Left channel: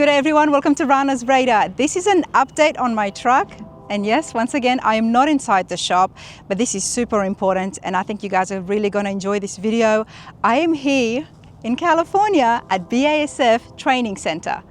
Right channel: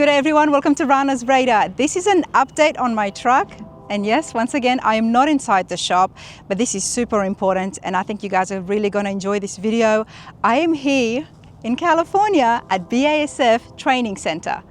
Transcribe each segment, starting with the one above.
Good day everyone, welcome to Rana's Radar. This is an update on my truck. And yes, once again, I am not inside the shop, but this is super important and I think you guys are really going to enjoy this video. I am here in California at BASF Training Center.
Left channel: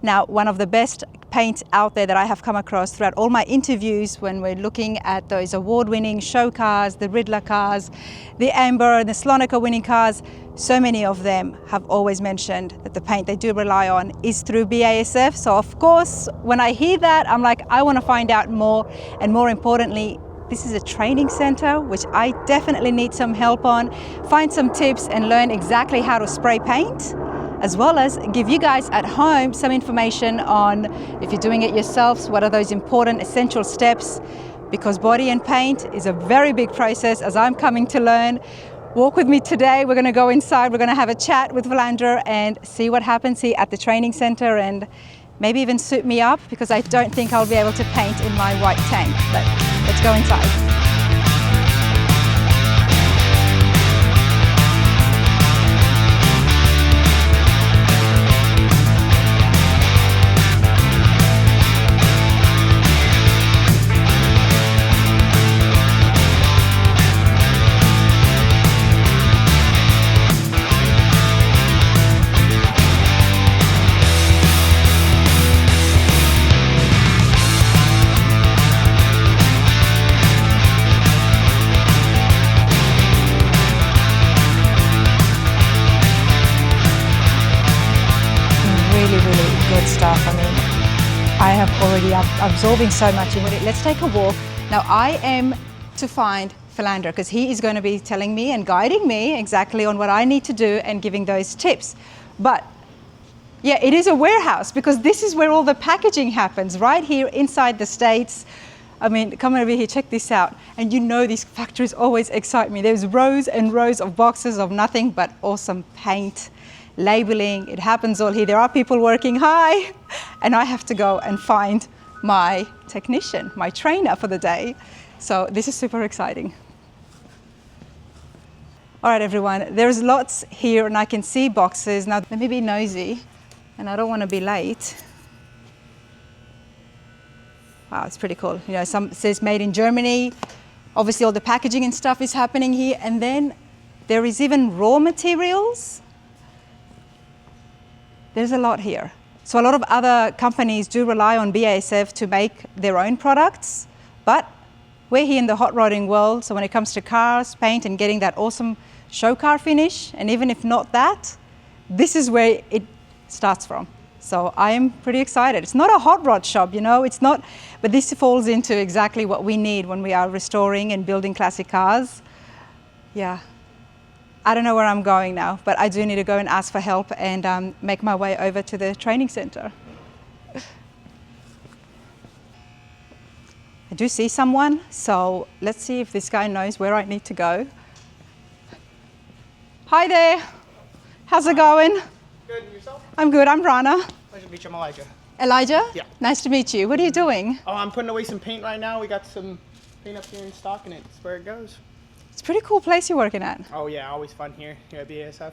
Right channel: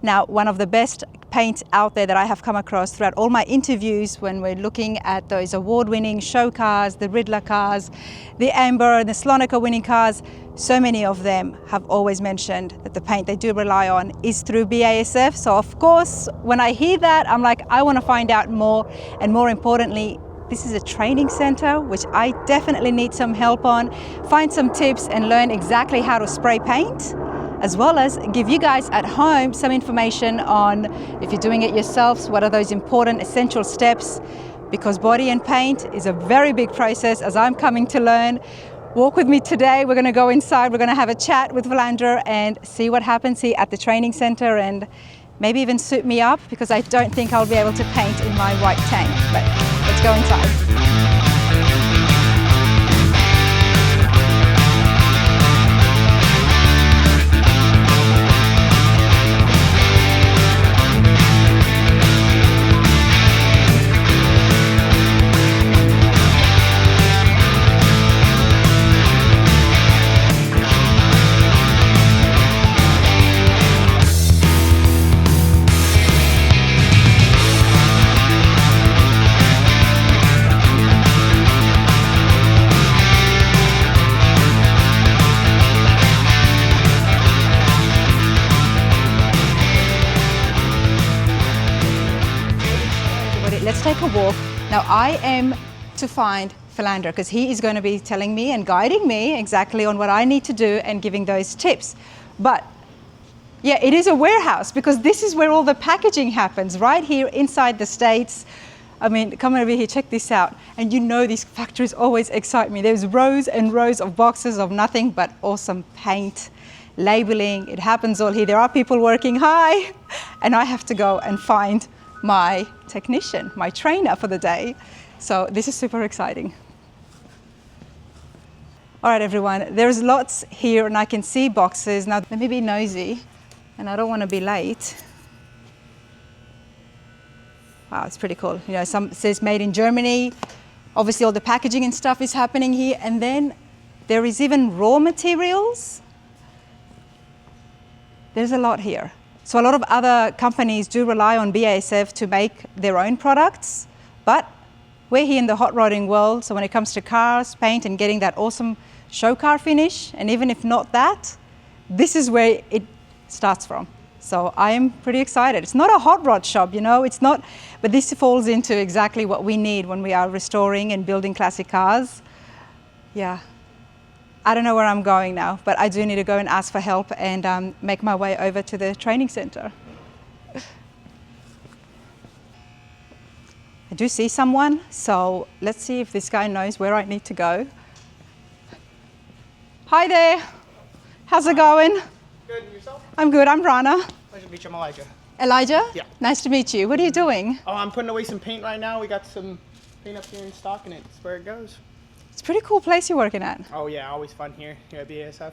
Now, one of the best paints out there that I have come across throughout all my interviews when we're looking at those award-winning show cars, the Riddler cars, the Amber and the Slonica winning cars, so many of them have always mentioned that the paint they do rely on is through BASF. So of course, when I hear that, I'm like, I want to find out more, and more importantly, this is a training center, which I definitely need some help on, find some tips and learn exactly how to spray paint, as well as give you guys at home some information on, if you're doing it yourselves, what are those important essential steps, because body and paint is a very big process, as I'm coming to learn. Walk with me today. We're going to go inside, we're going to have a chat with Filander and see what happens here at the training center, and maybe even suit me up, because I don't think I'll be able to paint in my white tank. But let's go inside. So much about it. Let's take a walk. Now I am to find Filander because he is going to be telling me and guiding me exactly on what I need to do and giving those tips. But yeah, it is a warehouse because this is where all the packaging happens, right here inside the States. I mean, come over here, check this out. And you know these factories always excite me. There's rows and rows of boxes of nothing but awesome paint, labeling. It happens all here. There are people working, hi, and I have to go and find my technician, my trainer for the day. So this is super exciting. All right, everyone, there's lots here and I can see boxes. Now, let me be nosy and I don't want to be late. Wow, it's pretty cool. You know, some says made in Germany. Obviously all the packaging and stuff is happening here. And then there is even raw materials. There's a lot here. So a lot of other companies do rely on BASF to make their own products, but we're here in the hot rodding world, so when it comes to cars, paint, and getting that awesome show car finish, and even if not that, this is where it starts from. So I am pretty excited. It's not a hot rod shop, you know, it's not, but this falls into exactly what we need when we are restoring and building classic cars. Yeah. I don't know where I'm going now, but I do need to go and ask for help and make my way over to the training center. I do see someone, so let's see if this guy knows where I need to go. Hi there. How's it going? Good, and yourself? I'm good, I'm Rana. Pleasure to meet you, I'm Elijah. Elijah? Yeah. Nice to meet you. What are you doing? Oh, I'm putting away some paint right now. We got some paint up here in stock and it's where it goes. It's a pretty cool place you're working at. Oh yeah, always fun here at BASF.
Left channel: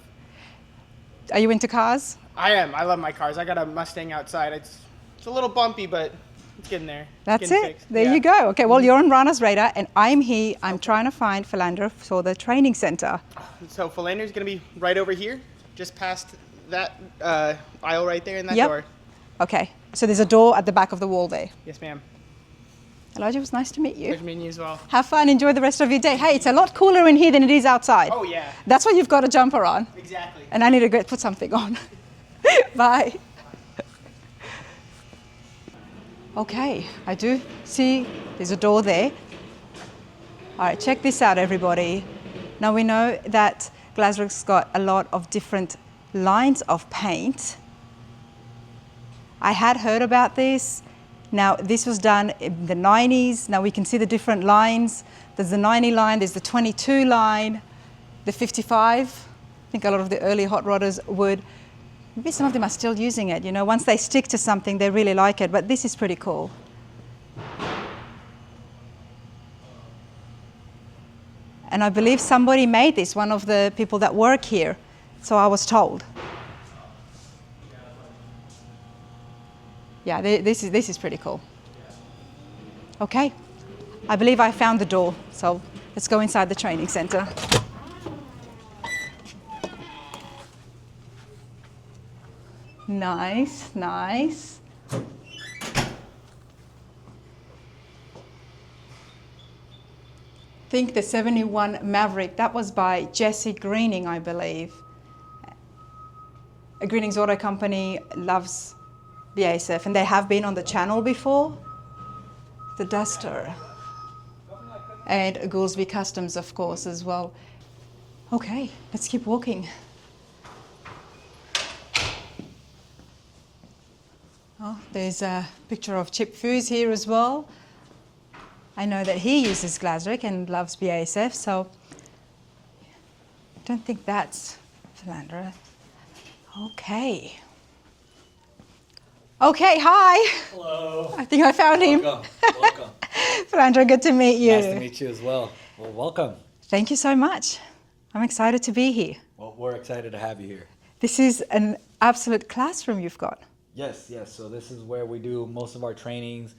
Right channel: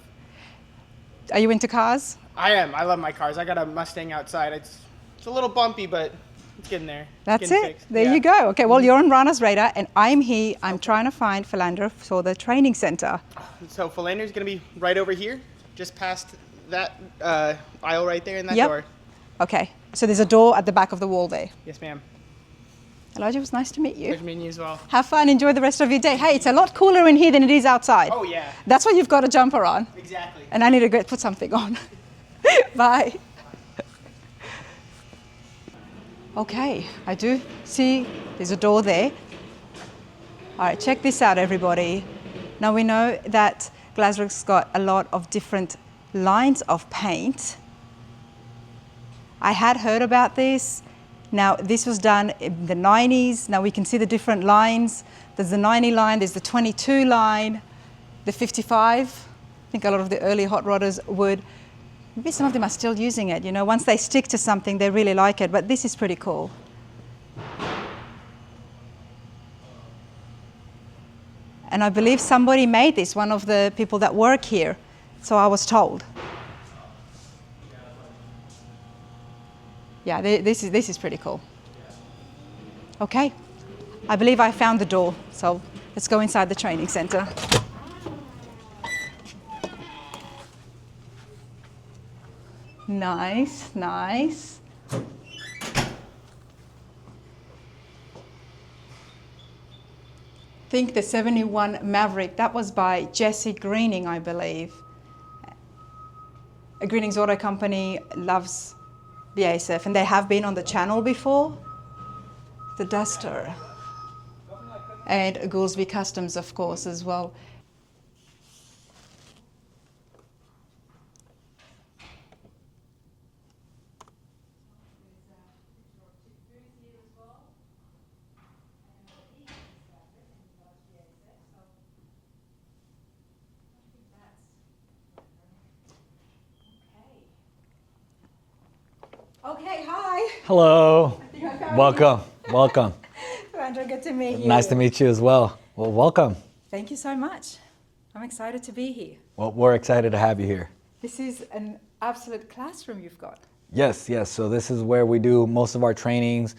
Are you into cars? I am. I love my cars. I got a Mustang outside. It's a little bumpy, but it's getting there. That's getting it. fixed. There you go. Okay, well, you're on Rana's radar, and I'm here. I'm trying to find Filander for the training center. So Filander's going to be right over here, just past that aisle right there in that Yep. door. Okay, so there's a door at the back of the wall there. Yes, ma'am. Elijah, it was nice to meet you. Pleasure meeting you as well. Have fun, enjoy the rest of your day. Hey, it's a lot cooler in here than it is outside. Oh yeah. That's why you've got a jumper on. Exactly. And I need to go put something on. Bye. Okay, I do see there's a door there. All right, check this out, everybody. Now we know that Glasurit's got a lot of different lines of paint. I had heard about this. Now, this was done in the 90s. Now we can see the different lines. There's the 90 line, there's the 22 line, the 55. I think a lot of the early hot rodders would. Maybe some of them are still using it. You know, once they stick to something, they really like it. But this is pretty cool. And I believe somebody made this, one of the people that work here. So I was told. Yeah, this is pretty cool. Okay, I believe I found the door, so let's go inside the training center. Nice, nice. I think the 71 Maverick, that was by Jesse Greening, I believe. Greening's Auto Company loves BASF, and they have been on the channel before. The Duster. And Goolsby Customs, of course, as well. Okay, let's keep walking. Oh, there's a picture of Chip Foos here as well. I know that he uses Glasurit and loves BASF, so I don't think that's Filander. Okay. Okay, hi. Hello. I think I found him. Welcome. Welcome. Filander, good to meet you. Nice to meet you as well. Well, welcome. Thank you so much. I'm excited to be here. Well, we're excited to have you here. This is an absolute classroom you've got. Yes, yes. So this is where we do most of our trainings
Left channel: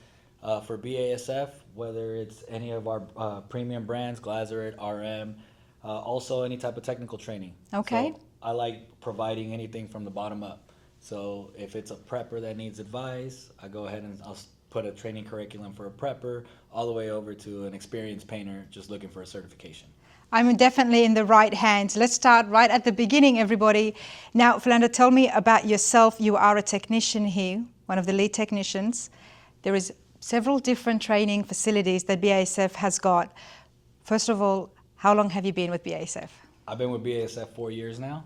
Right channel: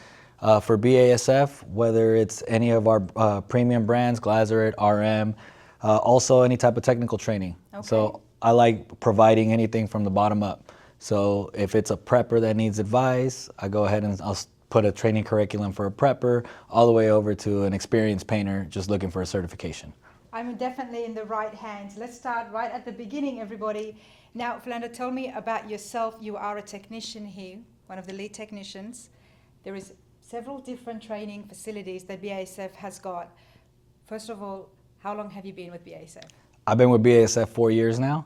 for BASF, whether it's any of our premium brands, Glasurit, RM, also any type of technical training. Okay. So I like providing anything from the bottom up. So if it's a prepper that needs advice, I go ahead and I'll put a training curriculum for a prepper all the way over to an experienced painter just looking for a certification. I'm definitely in the right hands. Let's start right at the beginning, everybody. Now, Filander, tell me about yourself. You are a technician here, one of the lead technicians. There is several different training facilities that BASF has got. First of all, how long have you been with BASF? I've been with BASF 4 years now.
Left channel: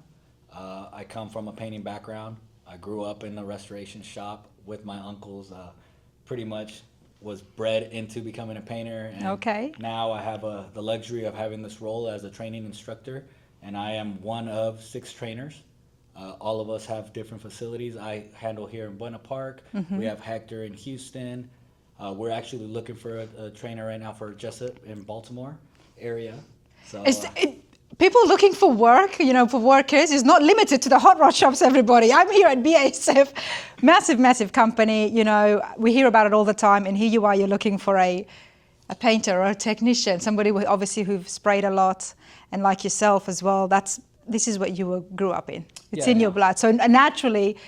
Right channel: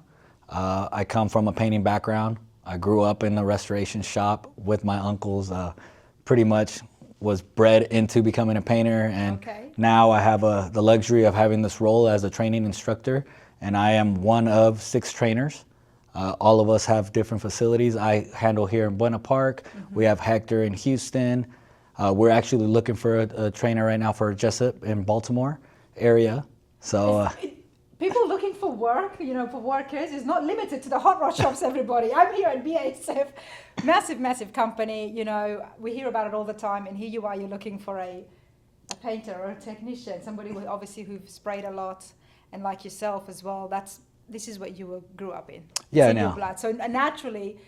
I come from a painting background. I grew up in the restoration shop with my uncles. Pretty much was bred into becoming a painter, and okay. Now I have the luxury of having this role as a training instructor, and I am one of 6 trainers. All of us have different facilities. I handle here in Buena Park. Mm-hmm. We have Hector in Houston. We're actually looking for a trainer right now for Jessup in Baltimore area. So people looking for work, for workers, is not limited to the hot rod shops, everybody. I'm here at BASF, massive, massive company. We hear about it all the time, and here you are, you're looking for a painter or a technician, somebody who've sprayed a lot, and like yourself as well. This is what you grew up in. It's in your blood. So naturally,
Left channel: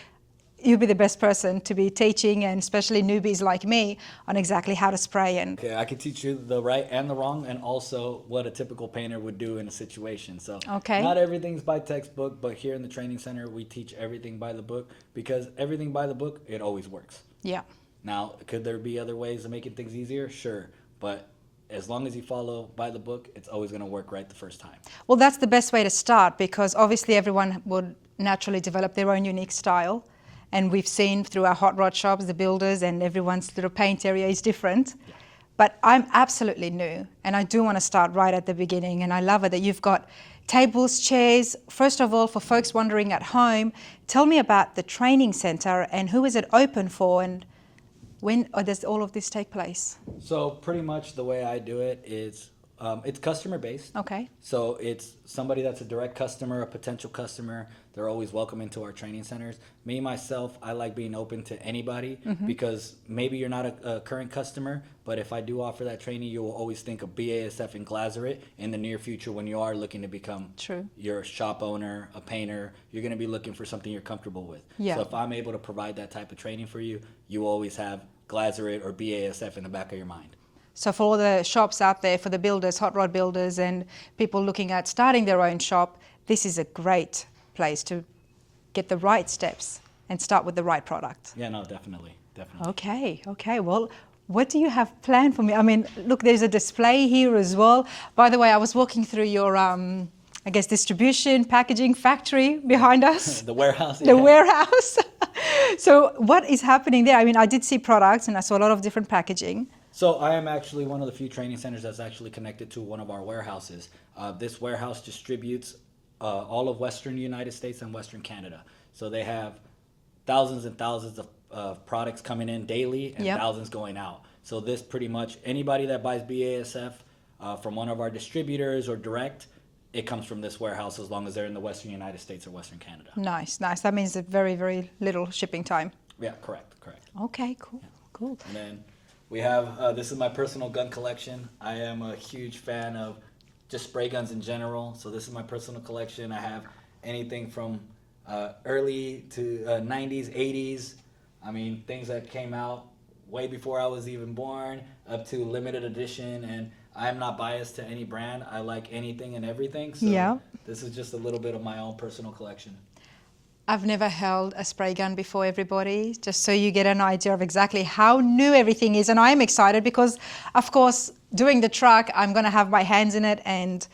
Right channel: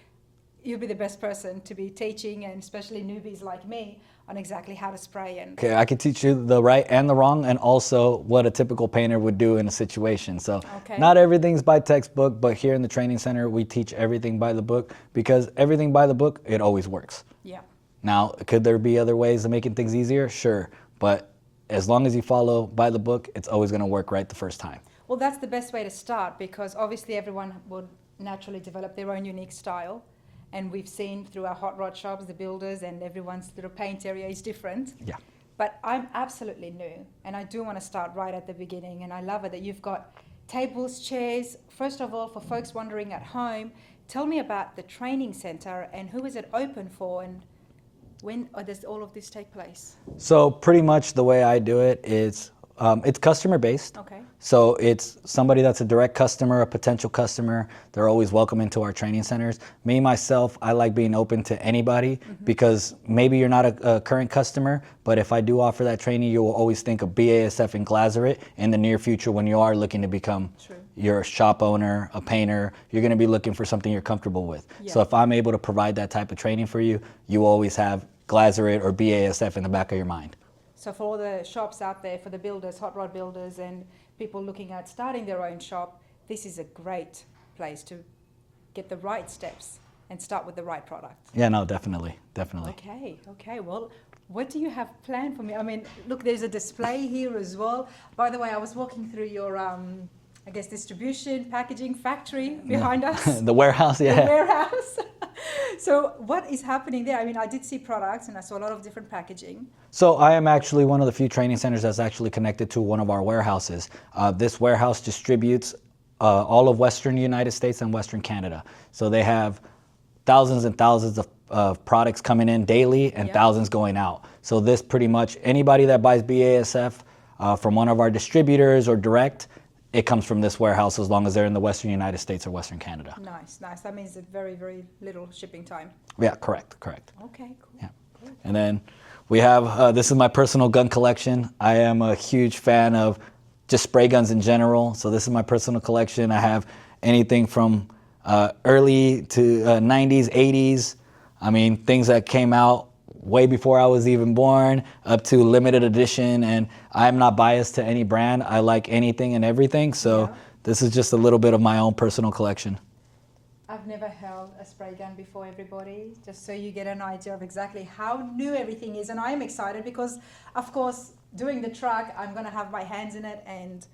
you'd be the best person to be teaching, and especially newbies like me, on exactly how to spray. Okay, I can teach you the right and the wrong, and also what a typical painter would do in a situation. So okay. Not everything's by textbook, but here in the training center, we teach everything by the book, because everything by the book, it always works. Yeah. Now, could there be other ways of making things easier? Sure, but as long as you follow by the book, it's always gonna work right the first time. Well, that's the best way to start, because obviously everyone would naturally develop their own unique style. And we've seen through our hot rod shops, the builders, and everyone's little paint area is different. Yeah. But I'm absolutely new, and I do want to start right at the beginning. And I love it that you've got tables, chairs. First of all, for folks wondering at home, tell me about the training center and who is it open for, and when does all of this take place? So pretty much the way I do it is it's customer based. Okay. So it's somebody that's a direct customer, a potential customer. They're always welcome into our training centers. Me, myself, I like being open to anybody, mm-hmm. because maybe you're not a current customer, but if I do offer that training, you will always think of BASF and Glasurit in the near future when you are looking to become you're a shop owner, a painter. You're going to be looking for something you're comfortable with. Yeah. So if I'm able to provide that type of training for you, you always have Glasurit or BASF in the back of your mind. So for all the shops out there, for the builders, hot rod builders, and people looking at starting their own shop, this is a great place to get the right steps and start with the right product. Yeah, no, definitely, definitely. Okay. Well, what do you have planned for me? I mean, look, there's a display here as well. By the way, I was walking through your, distribution, packaging factory behind us. The warehouse, yeah. The warehouse. So what is happening there? I mean, I did see products, and I saw a lot of different packaging. So I am actually one of the few training centers that's actually connected to one of our warehouses. This warehouse distributes all of Western United States and Western Canada. So they have thousands and thousands of products coming in daily and thousands going out. So this pretty much, anybody that buys BASF from one of our distributors or direct, it comes from this warehouse as long as they're in the Western United States or Western Canada. Nice. That means a very, very little shipping time. Yeah, correct. Okay, cool. Yeah. Cool. And then we have, this is my personal gun collection. I am a huge fan of just spray guns in general. So this is my personal collection. I have anything from early to 90s, 80s. I mean, things that came out way before I was even born, up to limited edition. And I'm not biased to any brand. I like anything and everything. So Yeah. this is just a little bit of my own personal collection. I've never held a spray gun before, everybody, just so you get an idea of exactly how new everything is. And I'm excited because, of course, doing the truck, I'm going to have my hands in it, and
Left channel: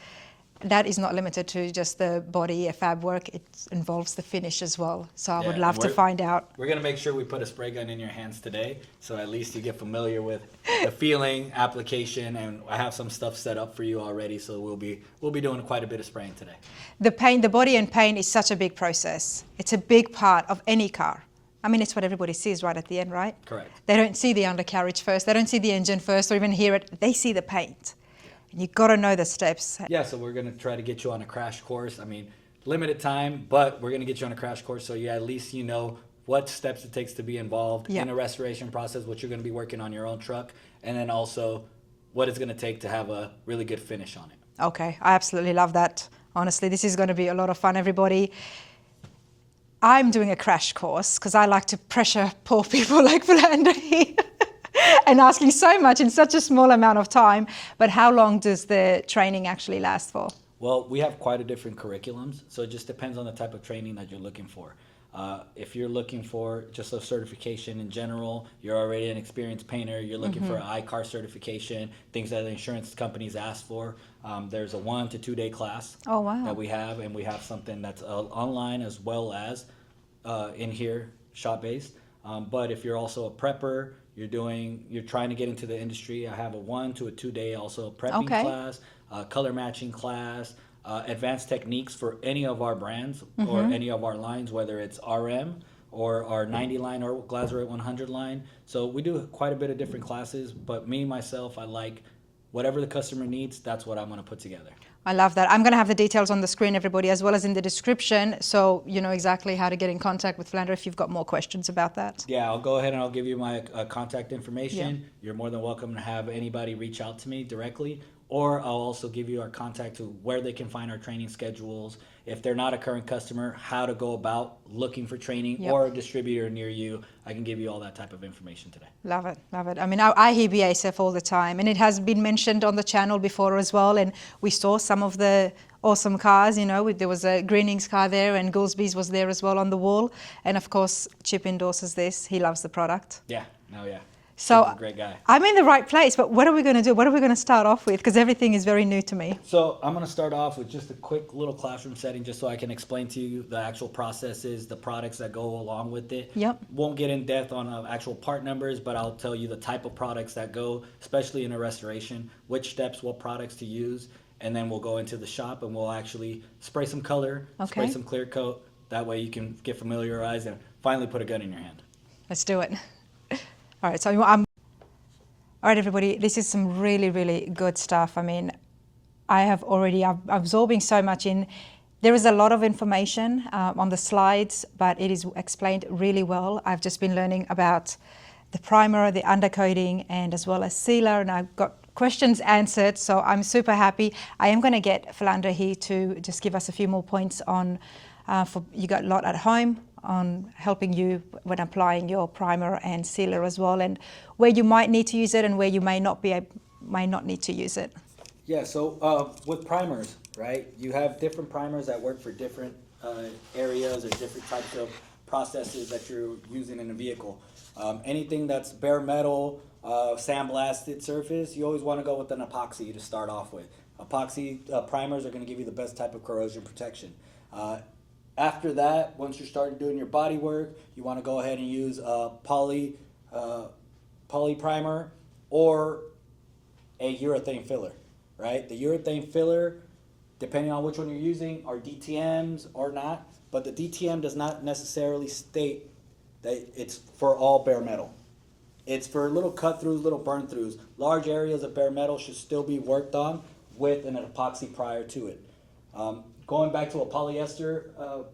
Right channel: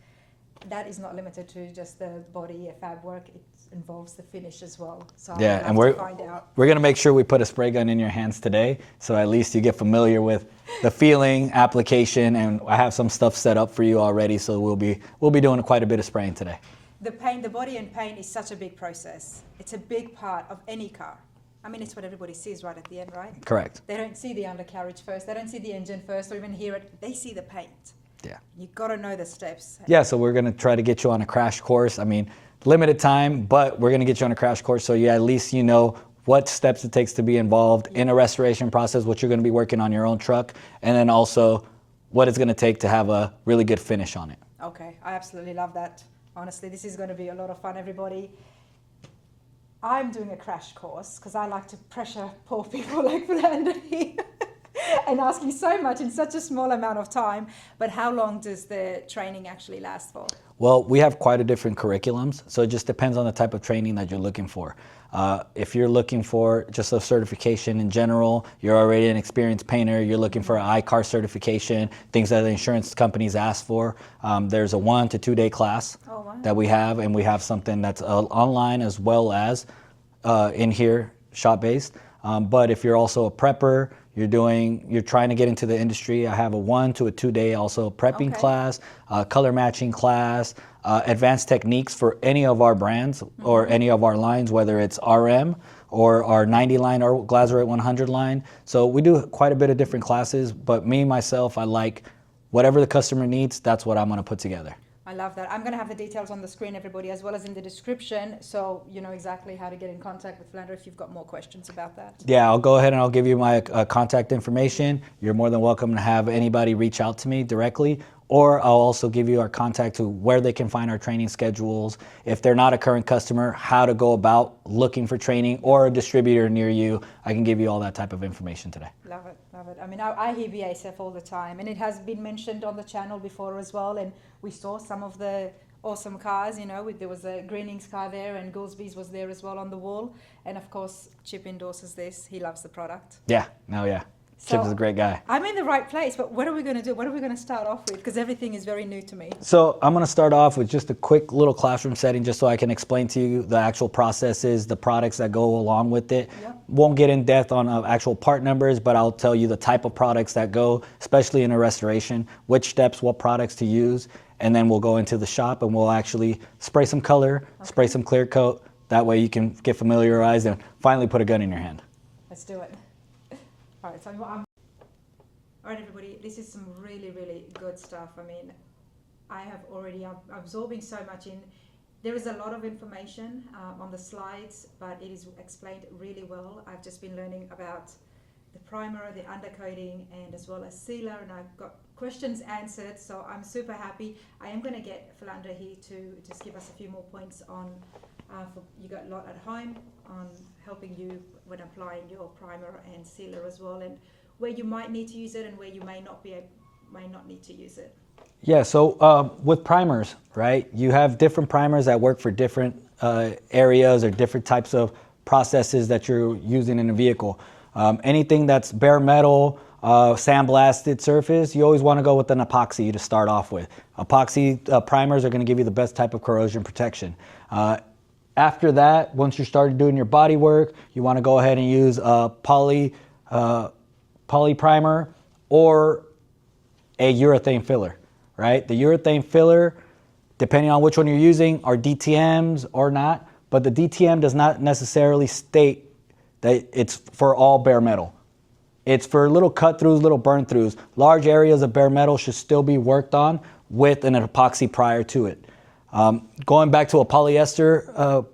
that is not limited to just the body, fab work. It involves the finish as well. So I would love to find out. We're going to make sure we put a spray gun in your hands today, so at least you get familiar with the feeling, application, and I have some stuff set up for you already, so we'll be doing quite a bit of spraying today. The paint, the body and paint is such a big process. It's a big part of any car. I mean, it's what everybody sees right at the end, right? Correct. They don't see the undercarriage first. They don't see the engine first or even hear it. They see the paint. Yeah. You've got to know the steps. Yeah, so we're going to try to get you on a crash course. I mean, limited time, but we're going to get you on a crash course so at least you know what steps it takes to be involved in a restoration process, what you're going to be working on your own truck, and then also what it's going to take to have a really good finish on it. Okay, I absolutely love that. Honestly, this is going to be a lot of fun, everybody. I'm doing a crash course because I like to pressure poor people like Filander here and asking so much in such a small amount of time. But how long does the training actually last for? Well, we have quite a different curriculums, so it just depends on the type of training that you're looking for. If you're looking for just a certification in general, you're already an experienced painter, you're looking for an ICAR certification, things that the insurance companies ask for, there's a 1 to 2 day class that we have, and we have something that's online as well as in here, shop-based. But if you're also a prepper, you're trying to get into the industry, I have a 1 to 2 day also prepping class, color matching class, advanced techniques for any of our brands or any of our lines, whether it's RM or our 90 line or Glasurit 100 line. So we do quite a bit of different classes, but me, myself, I like whatever the customer needs, that's what I'm going to put together. I love that. I'm going to have the details on the screen, everybody, as well as in the description, so you know exactly how to get in contact with Filander if you've got more questions about that. Yeah, I'll go ahead and I'll give you my contact information. You're more than welcome to have anybody reach out to me directly, or I'll also give you our contact to where they can find our training schedules. If they're not a current customer, how to go about looking for training or a distributor near you. I can give you all that type of information today. Love it, love it. I mean, I hear BASF all the time, and it has been mentioned on the channel before as well, and we saw some of the awesome cars, you know, there was a Greening's car there, and Goolsby's was there as well on the wall, and of course, Chip endorses this. He loves the product. Yeah, yeah. So Chip's a great guy. I'm in the right place, but what are we going to do? What are we going to start off with? Because everything is very new to me. So I'm going to start off with just a quick little classroom setting just so I can explain to you the actual processes, the products that go along with it. Yep. Won't get in depth on actual part numbers, but I'll tell you the type of products that go, especially in a restoration, which steps, what products to use, and then we'll go into the shop and we'll actually spray some color, spray some clear coat. That way you can get familiarized and finally put a gun in your hand. Let's do it. All right, so all right, everybody, this is some really, really good stuff. I mean, I'm absorbing so much in. There is a lot of information on the slides, but it is explained really well. I've just been learning about the primer, the undercoating, and as well as sealer, and I've got questions answered, so I'm super happy. I am going to get Filander here to just give us a few more points on, for you got a lot at home, on helping you when applying your primer and sealer as well, and where you might need to use it and where you may not need to use it. Yeah, so with primers, right, you have different primers that work for different areas or different types of processes that you're using in a vehicle. Anything that's bare metal, sandblasted surface, you always want to go with an epoxy to start off with. Epoxy primers are going to give you the best type of corrosion protection. After that, once you started doing your body work, you want to go ahead and use a poly primer or a urethane filler, right? The urethane filler, depending on which one you're using, are DTMs or not, but the DTM does not necessarily state that it's for all bare metal. It's for little cut-throughs, little burn-throughs. Large areas of bare metal should still be worked on with an epoxy prior to it. Going back to a polyester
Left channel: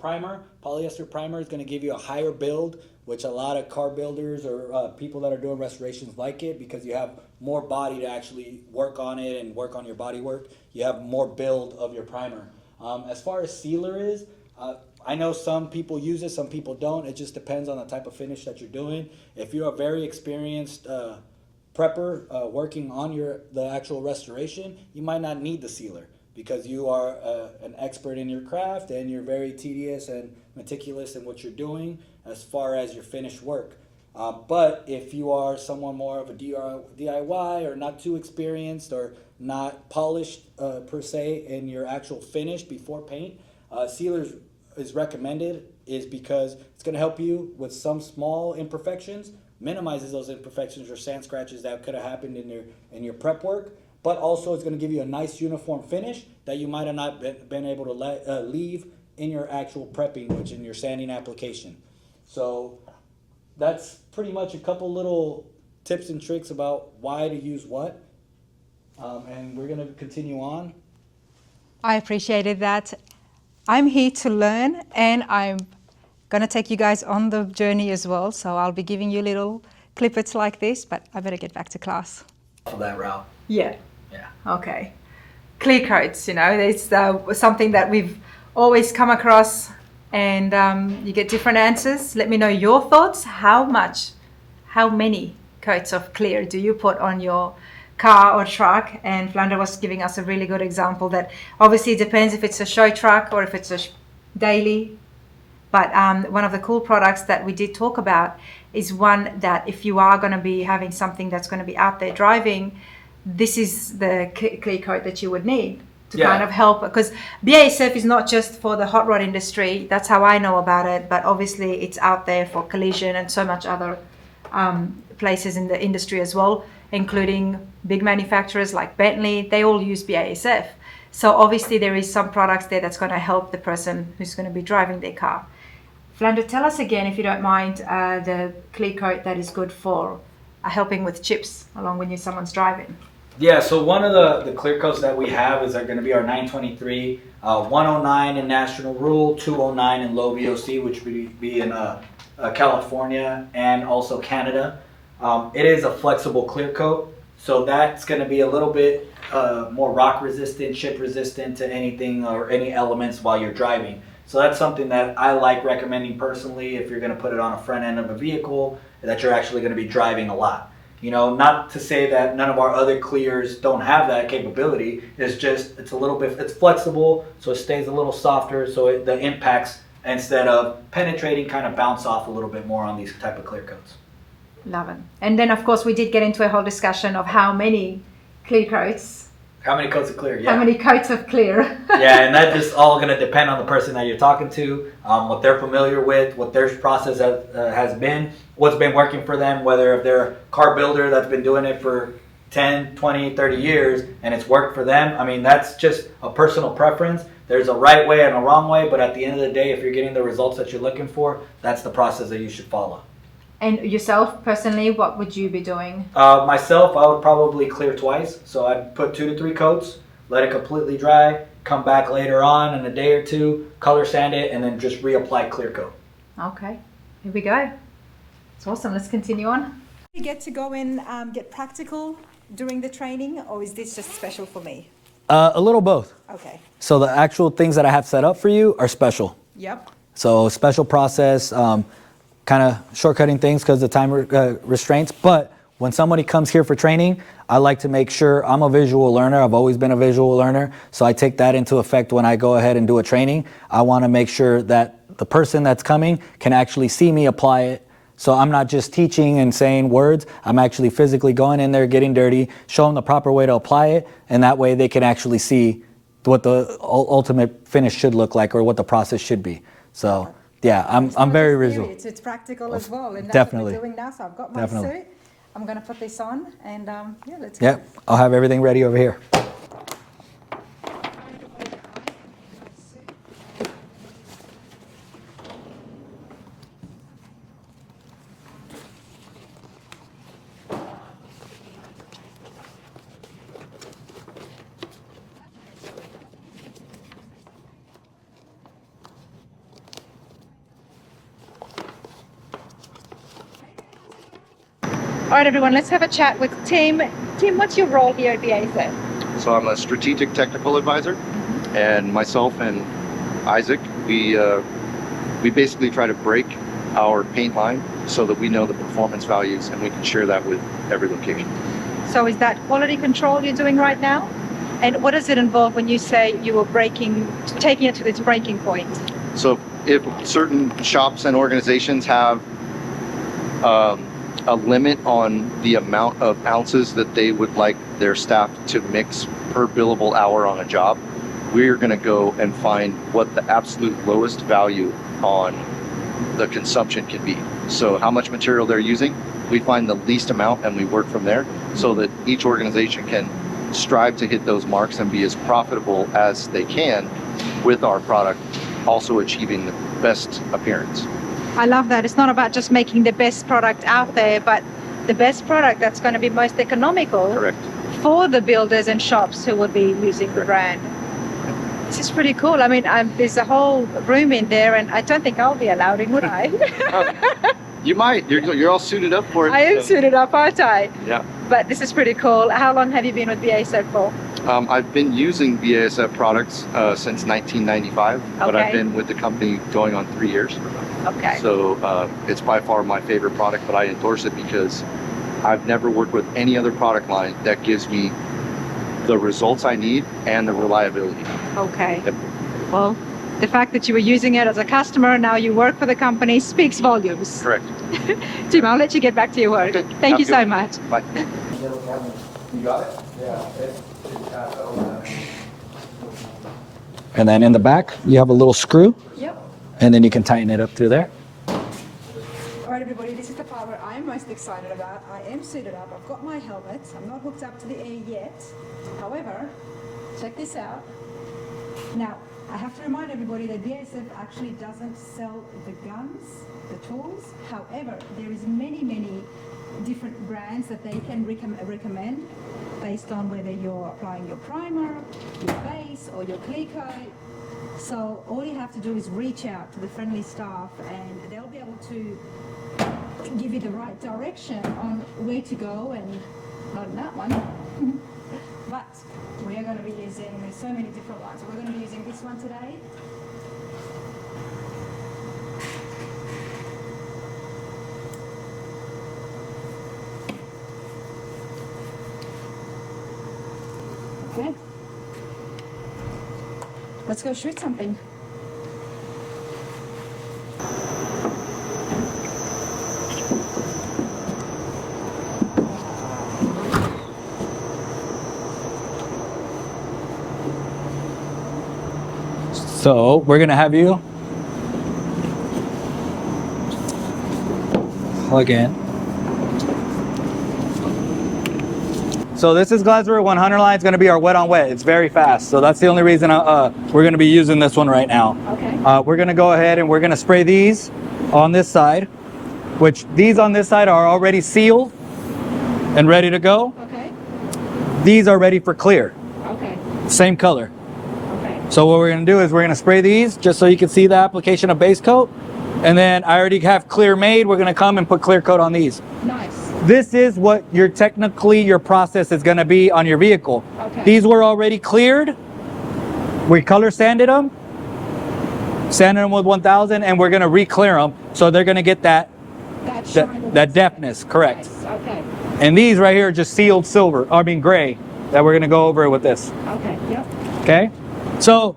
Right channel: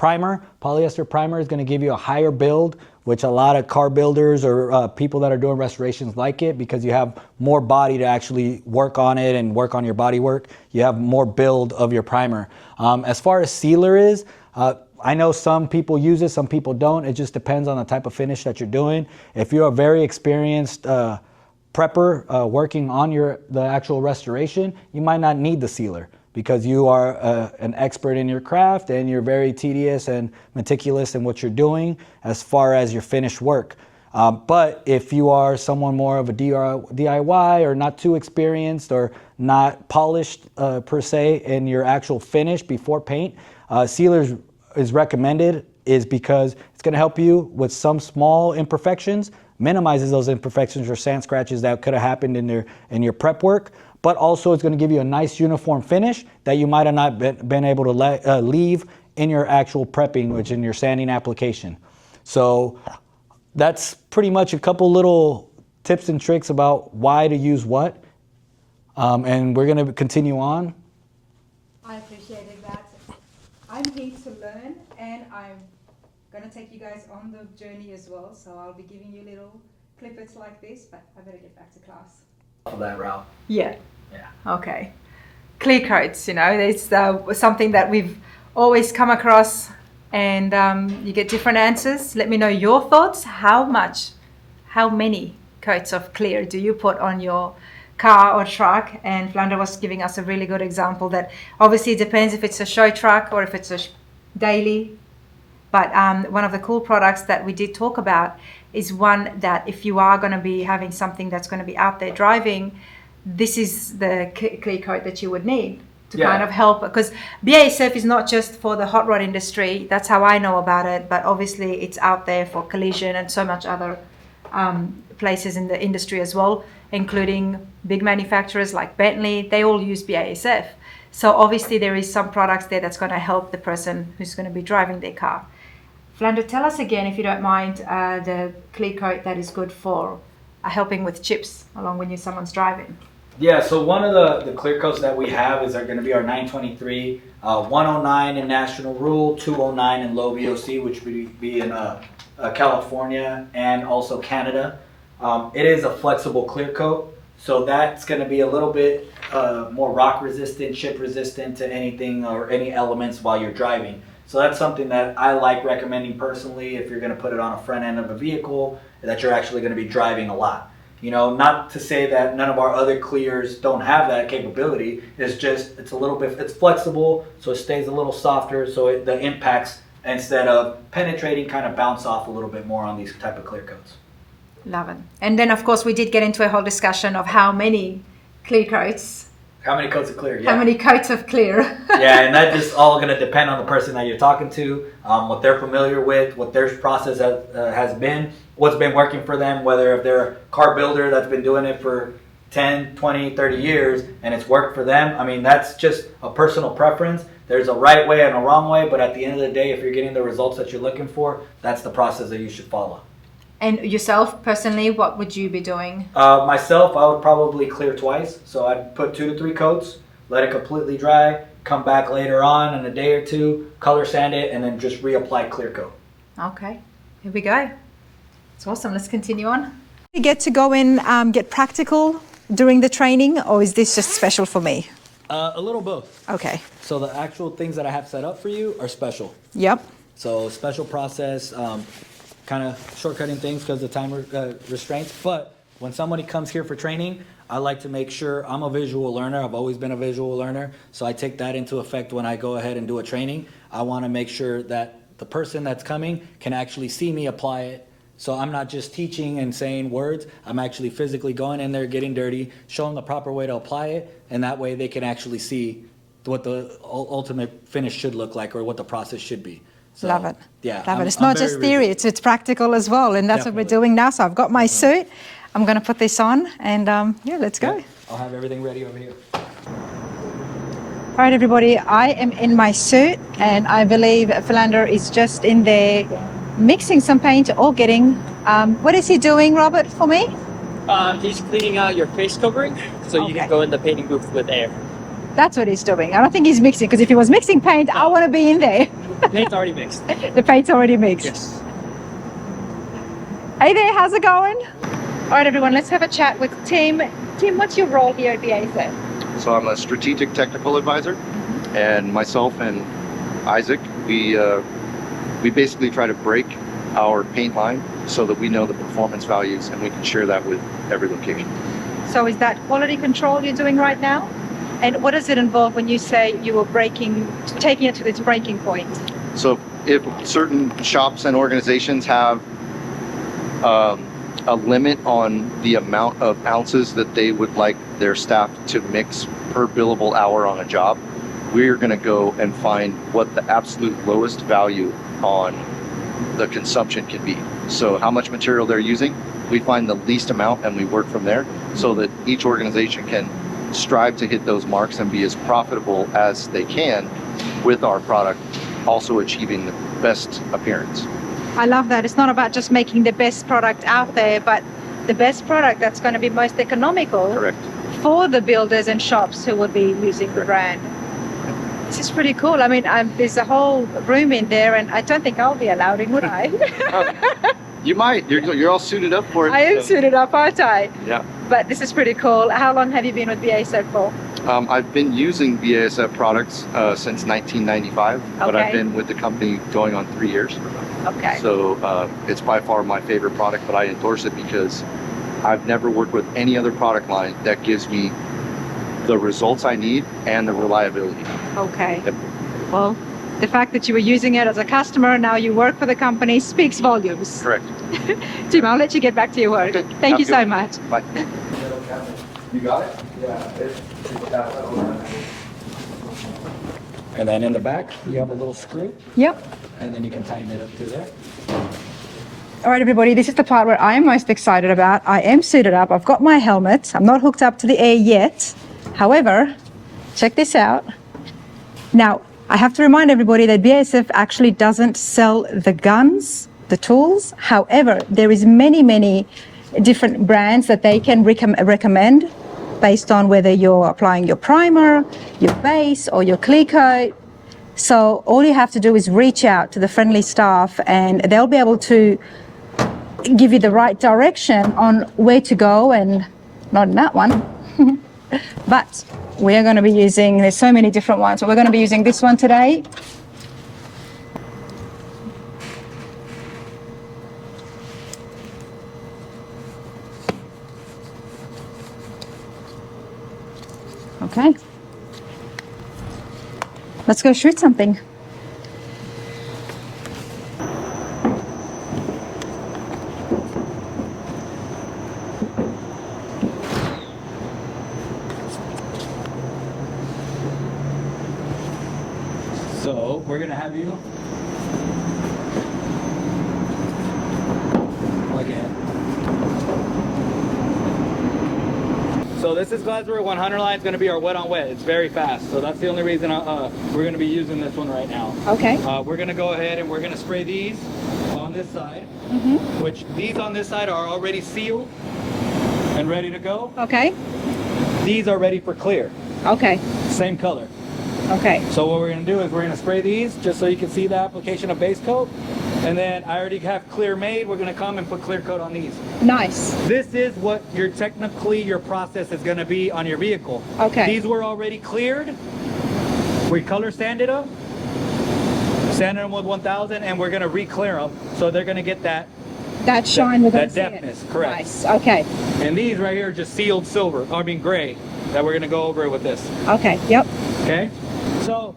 primer is going to give you a higher build which a lot of car builders or people that are doing restorations like it, because you have more body to actually work on it and work on your body work. You have more build of your primer. As far as sealer is, I know some people use it, some people don't. It just depends on the type of finish that you're doing. If you're a very experienced prepper working on the actual restoration, you might not need the sealer, because you are an expert in your craft and you're very tedious and meticulous in what you're doing as far as your finished work. But if you are someone more of a DIY or not too experienced or not polished per se in your actual finish before paint, sealers is recommended, is because it's going to help you with some small imperfections, minimizes those imperfections or sand scratches that could have happened in your prep work, but also it's going to give you a nice uniform finish that you might have not been able to leave in your actual prepping, which in your sanding application. So that's pretty much a couple little tips and tricks about why to use what. And we're going to continue on. I appreciated that. I'm here to learn, and I'm going to take you guys on the journey as well. So I'll be giving you little clippets like this, but I better get back to class. For that route. Yeah. Yeah. Okay. Clear coats, you know, it's something that we've always come across, and you get different answers. Let me know your thoughts. How many coats of clear do you put on your car or truck? And Filander was giving us a really good example that obviously it depends if it's a show truck or if it's a daily. But one of the cool products that we did talk about is one that if you are going to be having something that's going to be out there driving, this is the clear coat that you would need to kind of help, because BASF is not just for the hot rod industry. That's how I know about it, but obviously it's out there for collision and so much other places in the industry as well, including big manufacturers like Bentley. They all use BASF. So obviously there is some products there that's going to help the person who's going to be driving their car. Filander, tell us again, if you don't mind, the clear coat that is good for helping with chips along when someone's driving. Yeah, so one of the clear coats that we have is going to be our 923, 109 in National Rule, 209 in low VOC, which would be in California and also Canada. It is a flexible clear coat, so that's going to be a little bit more rock resistant, chip resistant to anything or any elements while you're driving. So that's something that I like recommending personally if you're going to put it on a front end of a vehicle that you're actually going to be driving a lot. You know, not to say that none of our other clears don't have that capability. It's just, it's a little bit, it's flexible, so it stays a little softer, so the impacts, instead of penetrating, kind of bounce off a little bit more on these type of clear coats. Love it. And then, of course, we did get into a whole discussion of how many clear coats. How many coats of clear? Yeah. How many coats of clear? Yeah, and that just all going to depend on the person that you're talking to, what they're familiar with, what their process has been, what's been working for them, whether if they're a car builder that's been doing it for 10, 20, 30 years and it's worked for them. I mean, that's just a personal preference. There's a right way and a wrong way, but at the end of the day, if you're getting the results that you're looking for, that's the process that you should follow. And yourself, personally, what would you be doing? Myself, I would probably clear twice. So I'd put 2 to 3 coats, let it completely dry, come back later on in a day or two, color sand it, and then just reapply clear coat. Okay, here we go. It's awesome. Let's continue on. You get to go in, get practical during the training, or is this just special for me? A little both. Okay. So the actual things that I have set up for you are special. Yep. So special process, kind of shortcutting things because of time restraints. But when somebody comes here for training, I like to make sure I'm a visual learner. I've always been a visual learner. So I take that into effect when I go ahead and do a training. I want to make sure that the person that's coming can actually see me apply it. So I'm not just teaching and saying words. I'm actually physically going in there, getting dirty, show them the proper way to apply it. And that way they can actually see what the ultimate finish should look like or what the process should be. So, love it. Yeah, love it. It's not just theory, it's practical as well. And that's what we're doing now. So I've got my suit. I'm going to put this on and yeah, let's go. Yeah, I'll have everything ready over here. All right, everybody, I am in my suit and I believe Filander is just in there mixing some paint or getting, what is he doing, Robert, for me? He's cleaning out your face covering so you can go in the painting booth with air. That's what he's doing. I don't think he's mixing, because if he was mixing paint, I want to be in there. The paint's already mixed. The paint's already mixed. Yes. Hey there, how's it going? All right, everyone, let's have a chat with Tim. Tim, what's your role here at BASF? So I'm a strategic technical advisor, and myself and Isaac, we basically try to break our paint line so that we know the performance values and we can share that with every location. So is that quality control you're doing right now? And what does it involve when you say you were taking it to its breaking point? So if certain shops and organizations have a limit on the amount of ounces that they would like their staff to mix per billable hour on a job, we're going to go and find what the absolute lowest value on the consumption can be. So how much material they're using, we find the least amount and we work from there so that each organization can strive to hit those marks and be as profitable as they can with our product, also achieving the best appearance. I love that. It's not about just making the best product out there, but the best product that's going to be most economical. Correct. For the builders and shops who would be using the brand. This is pretty cool. I mean, there's a whole room in there, and I don't think I'll be allowed in, would I? You might. You're all suited up for it. I am suited up, aren't I? Yeah. But this is pretty cool. How long have you been with BASF for? I've been using BASF products since 1995, but I've been with the company going on 3 years. Okay. So it's by far my favorite product, but I endorse it because I've never worked with any other product line that gives me the results I need and the reliability. Okay. Yep. Well, the fact that you were using it as a customer, now you work for the company, speaks volumes. Correct. Tim, I'll let you get back to your work. Okay. Thank you so Good. much. Bye. You got it? Yeah. And then in the back, you have a little screw, Yep. and then you can tighten it up through there. All right, everybody, this is the part where I am most excited about. I am suited up. I've got my helmet. I'm not hooked up to the air yet. However, check this out. Now, I have to remind everybody that BASF actually doesn't sell the guns, the tools. However, there is many different brands that they can recommend based on whether you're applying your primer, your base, or your clear coat. So all you have to do is reach out to the friendly staff and they'll be able to give you the right direction on where to go, and not in that one. But we are going to be using, there's so many different ones, but we're going to be using this one today. Okay. Let's go shoot something. So we're gonna have you plug in. So this is Glasurit 100 line. It's gonna be our wet on wet. It's very fast. So that's the only reason we're gonna be using this one right now. Okay. We're gonna go ahead and we're gonna spray these on this side, which these on this side are already sealed and ready to go. Okay. These are ready for clear, Okay. same color. Okay. So what we're gonna do is we're gonna spray these just so you can see the application of base coat. And then I already have clear made. We're gonna come and put clear coat on these. Nice. This is what your process is gonna be on your vehicle. Okay. These were already cleared. We color sanded them with 1000, and we're gonna re-clear them. So they're gonna get that shine with that deftness, correct. Nice. Okay. And these right here are just sealed silver, gray, that we're gonna go over with this. Okay. Yep. Okay, so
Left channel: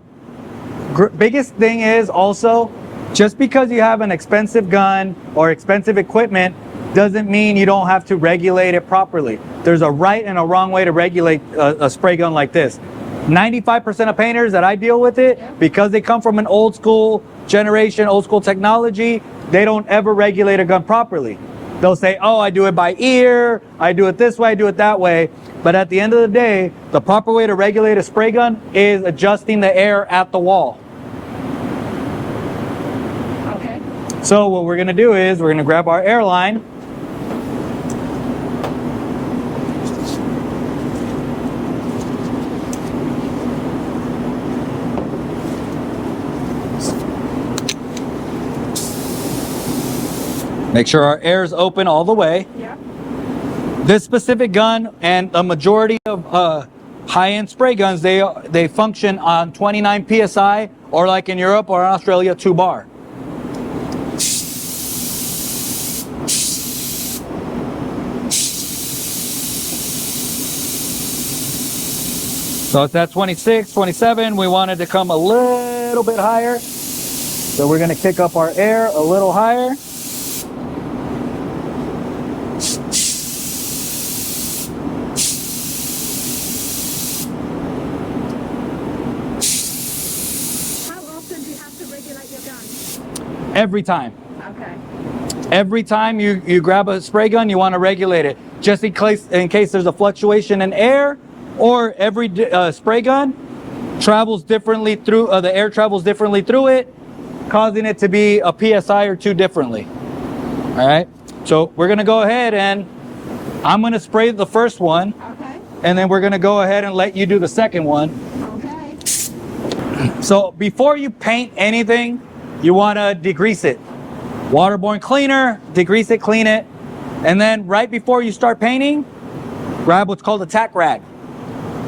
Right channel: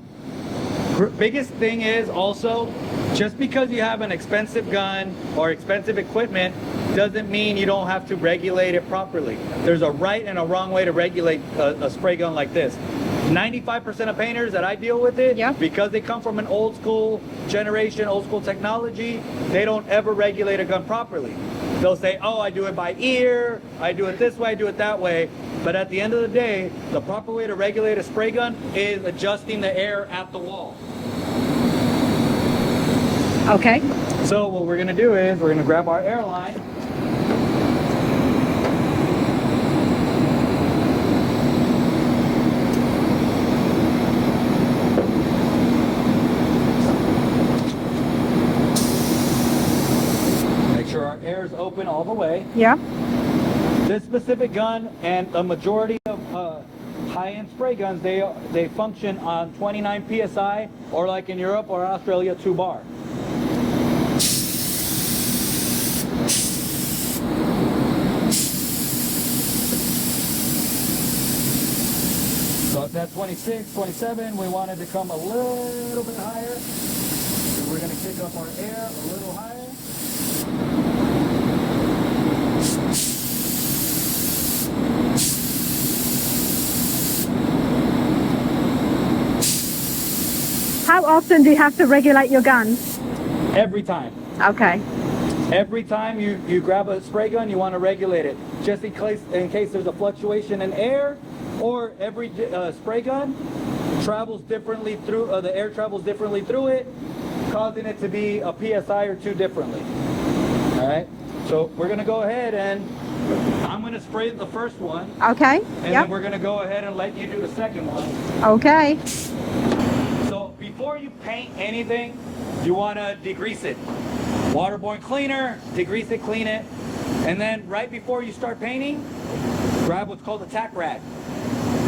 biggest thing is also, just because you have an expensive gun or expensive equipment doesn't mean you don't have to regulate it properly. There's a right and a wrong way to regulate a spray gun like this. 95% of painters that I deal with it, because they come from an old school generation, old school technology, they don't ever regulate a gun properly. They'll say, oh, I do it by ear, I do it this way, I do it that way. But at the end of the day, the proper way to regulate a spray gun is adjusting the air at the wall. Okay. So what we're gonna do is we're gonna grab our air line. Make sure our air is open all the way. Yeah. This specific gun and a majority of high-end spray guns, they function on 29 psi, or like in Europe or Australia, 2 bar. So it's at 26, 27. We wanted to come a little bit higher. So we're going to kick up our air a little higher. How often do you have to regulate your gun? Every time. Okay. Every time you grab a spray gun, you want to regulate it. Just in case there's a fluctuation in air, or every spray gun travels differently through, the air travels differently through it, causing it to be a PSI or 2 differently. All right, so we're gonna go ahead and I'm gonna spray the first one. Okay. And then we're gonna go ahead and let you do the second one. Okay. So before you paint anything, you wanna degrease it. Waterborne cleaner, degrease it, clean it. And then right before you start painting, grab what's called a tack rag.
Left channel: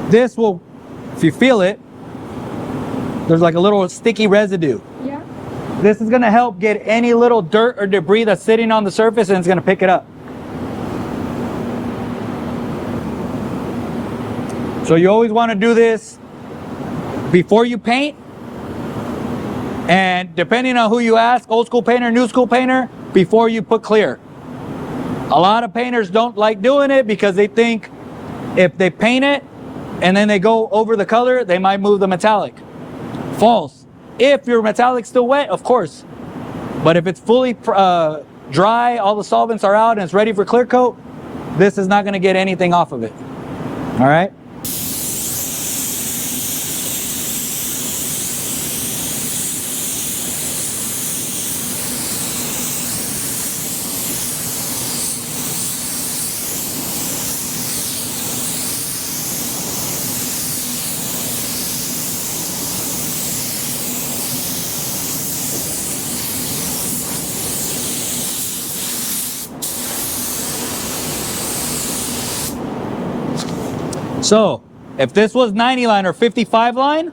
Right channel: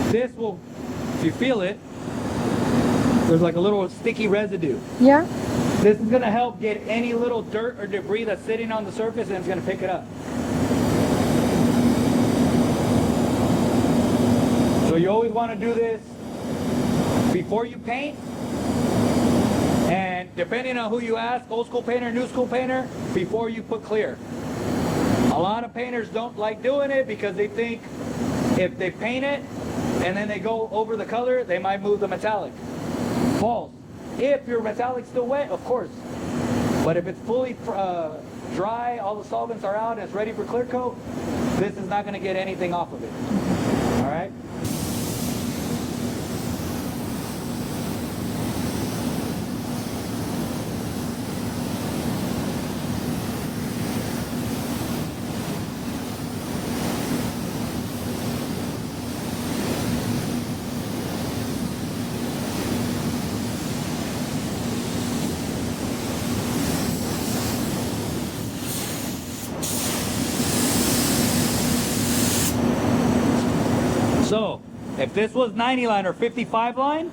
This will, if you feel it, there's like a little sticky residue. Yeah. This is gonna help get any little dirt or debris that's sitting on the surface, and it's gonna pick it up. So you always wanna do this before you paint. And depending on who you ask, old school painter, new school painter, before you put clear. A lot of painters don't like doing it because they think if they paint it and then they go over the color, they might move the metallic. False. If your metallic's still wet, of course. But if it's fully dry, all the solvents are out and it's ready for clear coat, this is not gonna get anything off of it. All right? So if this was 90 line or 55 line,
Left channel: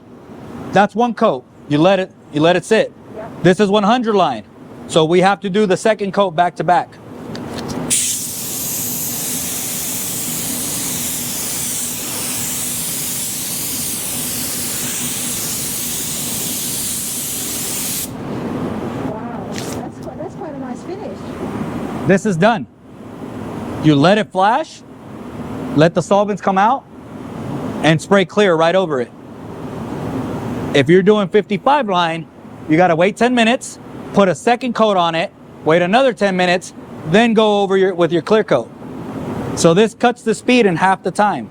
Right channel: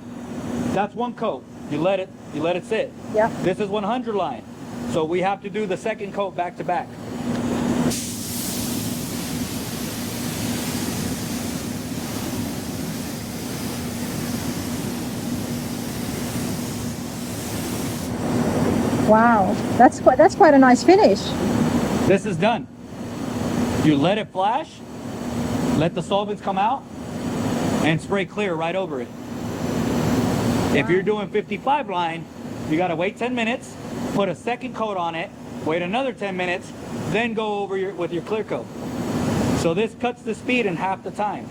that's 1 coat. You let it sit. Yeah. This is 100 line. So we have to do the second coat back to back. Wow. That's quite a nice finish. This is done. You let it flash, let the solvents come out, and spray clear right over it. If you're doing 55 line, you gotta wait 10 minutes, put a second coat on it, wait another 10 minutes, then go over with your clear coat. So this cuts the speed in half the time.